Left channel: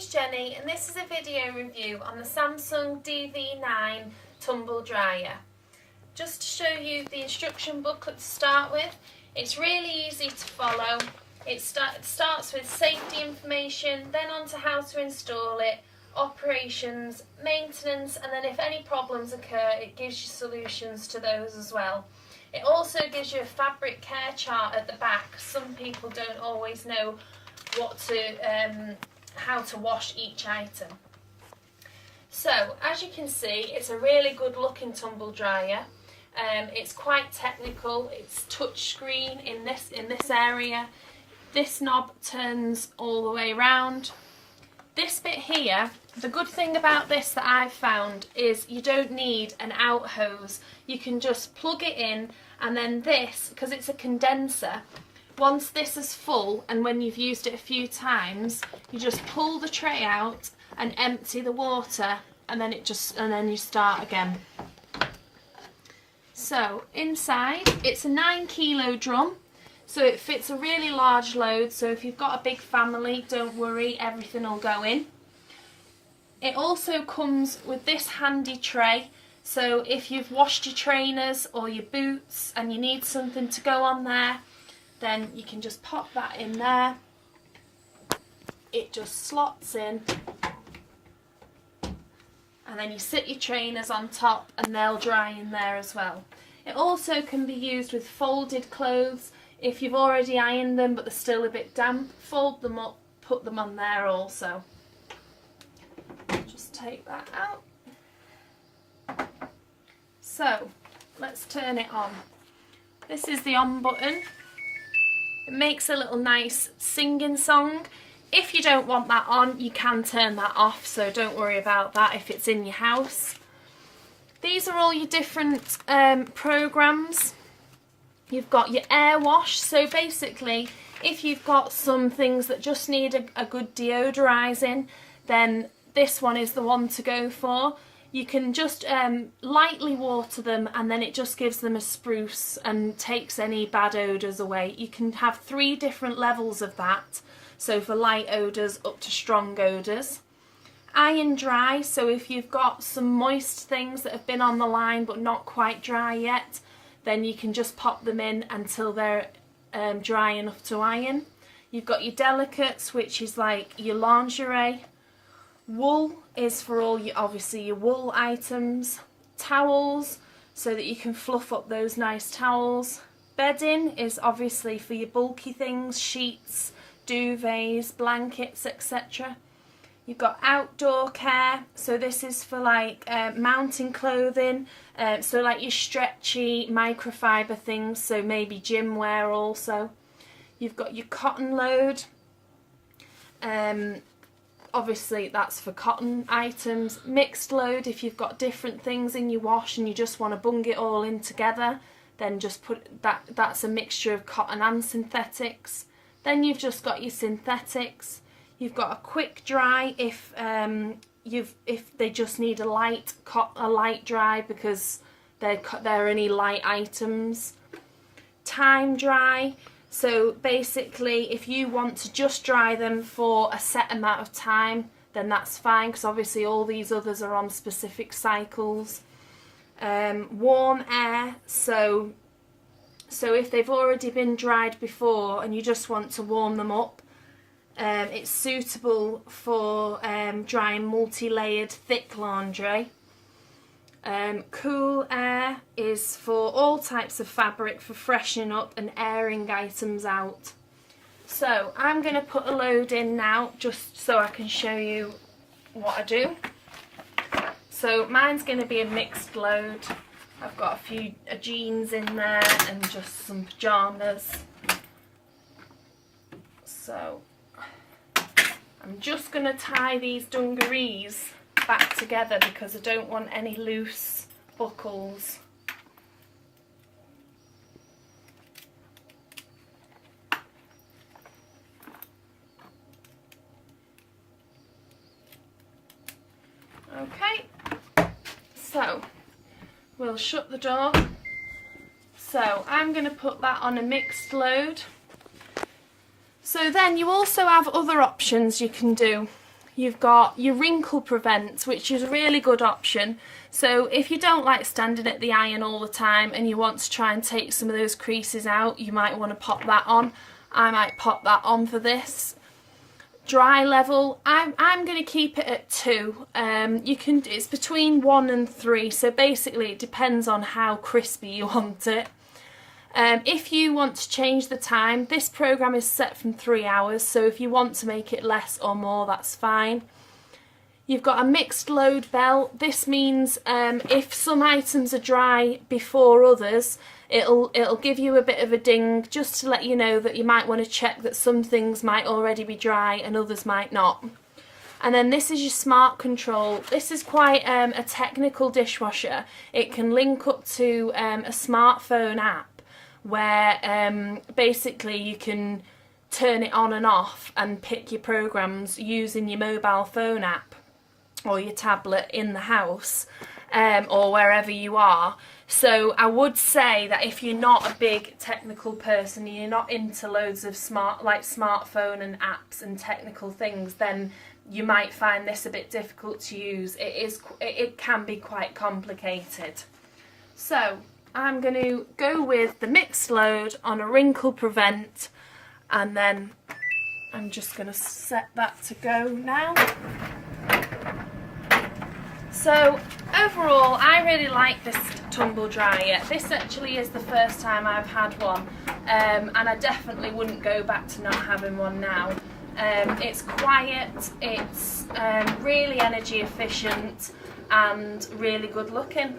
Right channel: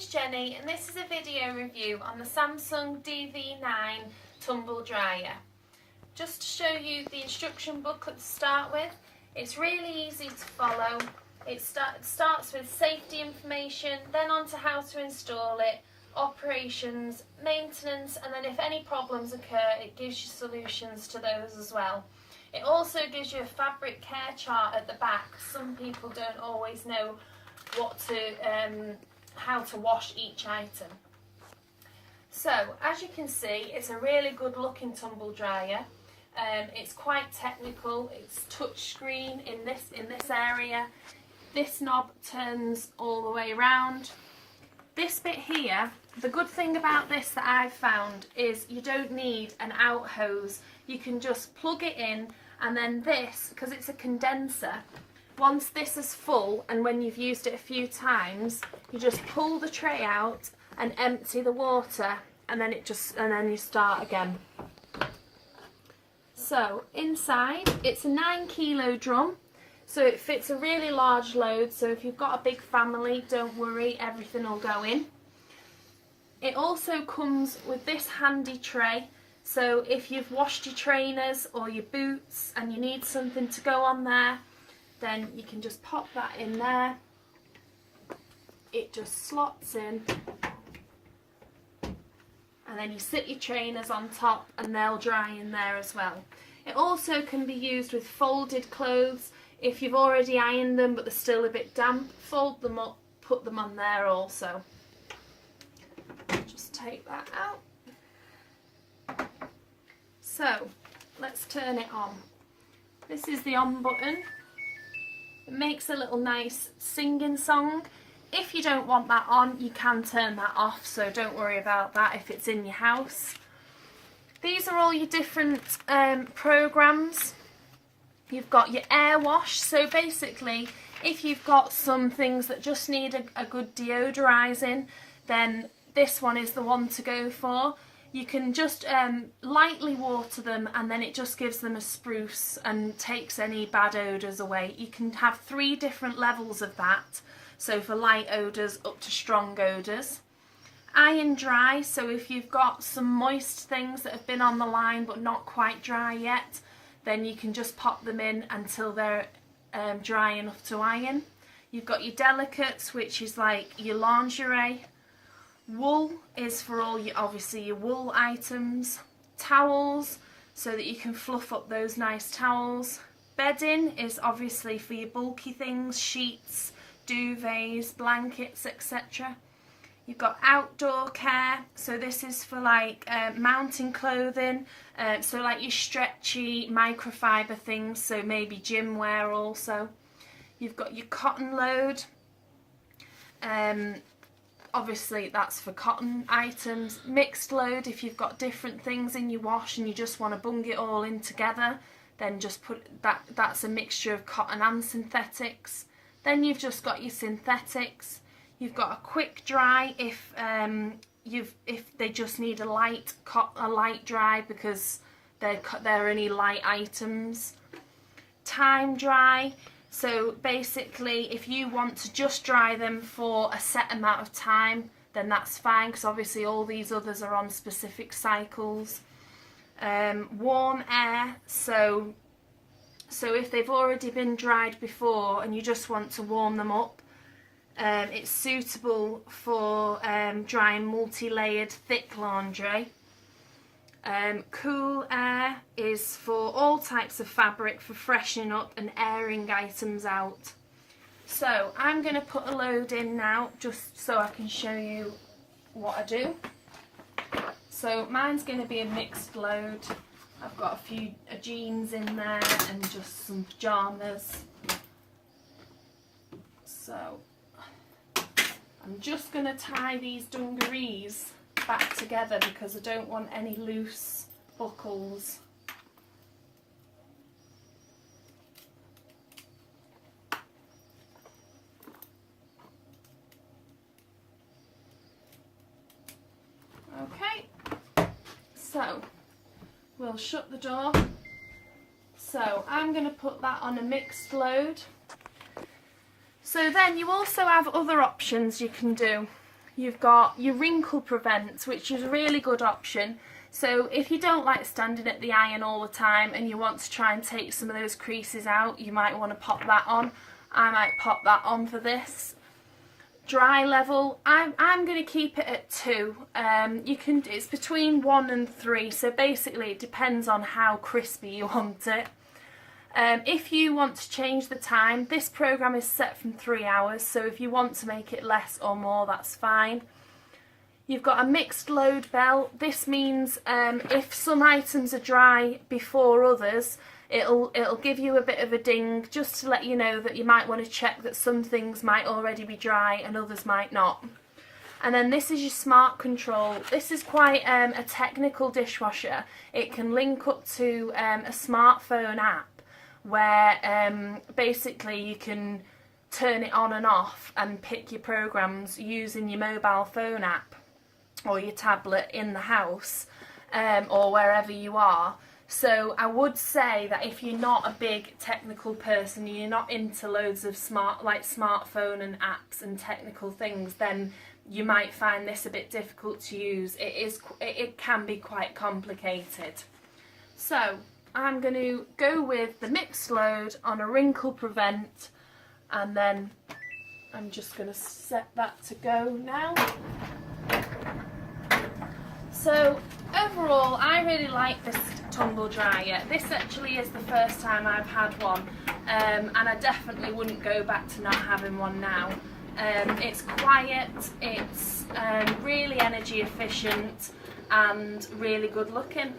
name's Jenny and this is a video review on the Samsung DV9 Tumble Dryer. Just to show you the instruction booklet to start with, it's really easy to follow. It starts with safety information, then on to how to install it, operations, maintenance, and then if any problems occur it gives you solutions to those as well. It also gives you a fabric care chart at the back. Some people don't always know how to wash each item. So as you can see, it's a really good looking tumble dryer. It's quite technical. It's touch screen in this area. This knob turns all the way around. This bit here, the good thing about this that I've found is you don't need an out hose. You can just plug it in, and then this, because it's a condenser, once this is full and when you've used it a few times, you just pull the tray out and empty the water, and then you start again. So inside, it's a 9 kilo drum, so it fits a really large load. So if you've got a big family, don't worry, everything will go in. It also comes with this handy tray. So if you've washed your trainers or your boots and you need something to go on there, then you can just pop that in there. It just slots in, and then you sit your trainers on top and they'll dry in there as well. It also can be used with folded clothes. If you've already ironed them but they're still a bit damp, fold them up, put them on there also. Just take that out. So let's turn it on. This is the on button. It makes a little nice singing song. If you don't want that on, you can turn that off, so don't worry about that if it's in your house. These are all your different programs. You've got your air wash, so basically if you've got some things that just need a good deodorising, then this one is the one to go for. You can just lightly water them, and then it just gives them a spruce and takes any bad odours away. You can have 3 different levels of that, so for light odours up to strong odours. Iron dry, so if you've got some moist things that have been on the line but not quite dry yet, then you can just pop them in until they're dry enough to iron. You've got your delicates, which is like your lingerie. Wool is for all your, obviously, your wool items. Towels, so that you can fluff up those nice towels. Bedding is obviously for your bulky things, sheets, duvets, blankets, etc. You've got outdoor care, so this is for like mounting clothing, so like your stretchy microfiber things, so maybe gym wear also. You've got your cotton load. Obviously that's for cotton items. Mixed load, if you've got different things in your wash and you just want to bung it all in together, then just put that's a mixture of cotton and synthetics. Then you've just got your synthetics. You've got a quick dry if they just need a light dry because they're only light items. Time dry. So basically, if you want to just dry them for a set amount of time, then that's fine, because obviously all these others are on specific cycles. Warm air, so if they've already been dried before and you just want to warm them up, it's suitable for drying multi-layered thick laundry. Cool air is for all types of fabric for freshening up and airing items out. So I'm going to put a load in now just so I can show you what I do. So mine's going to be a mixed load. I've got a few jeans in there and just some pyjamas. So I'm just going to tie these dungarees back together because I don't want any loose buckles. Okay, so we'll shut the door. So I'm going to put that on a mixed load. So then you also have other options you can do. you've got your wrinkle prevent, which is a really good option. So if you don't like standing at the iron all the time and you want to try and take some of those creases out, you might want to pop that on. I might pop that on for this. Dry level, I'm going to keep it at 2. It's between 1 and 3, so basically it depends on how crispy you want it. If you want to change the time, this program is set from 3 hours, so if you want to make it less or more, that's fine. You've got a mixed load bell. This means if some items are dry before others, it'll give you a bit of a ding just to let you know that you might want to check that some things might already be dry and others might not. And then this is your smart control. This is quite a technical dishwasher. It can link up to a smartphone app where basically you can turn it on and off and pick your programs using your mobile phone app or your tablet in the house or wherever you are. So I would say that if you're not a big technical person, you're not into loads of smartphone and apps and technical things, then you might find this a bit difficult to use. It can be quite complicated. So I'm going to go with the mixed load on a wrinkle prevent, and then I'm just going to set that to go now. So overall, I really like this tumble dryer. This actually is the first time I've had one, and I definitely wouldn't go back to not having one now. It's quiet, it's really energy efficient and really good looking.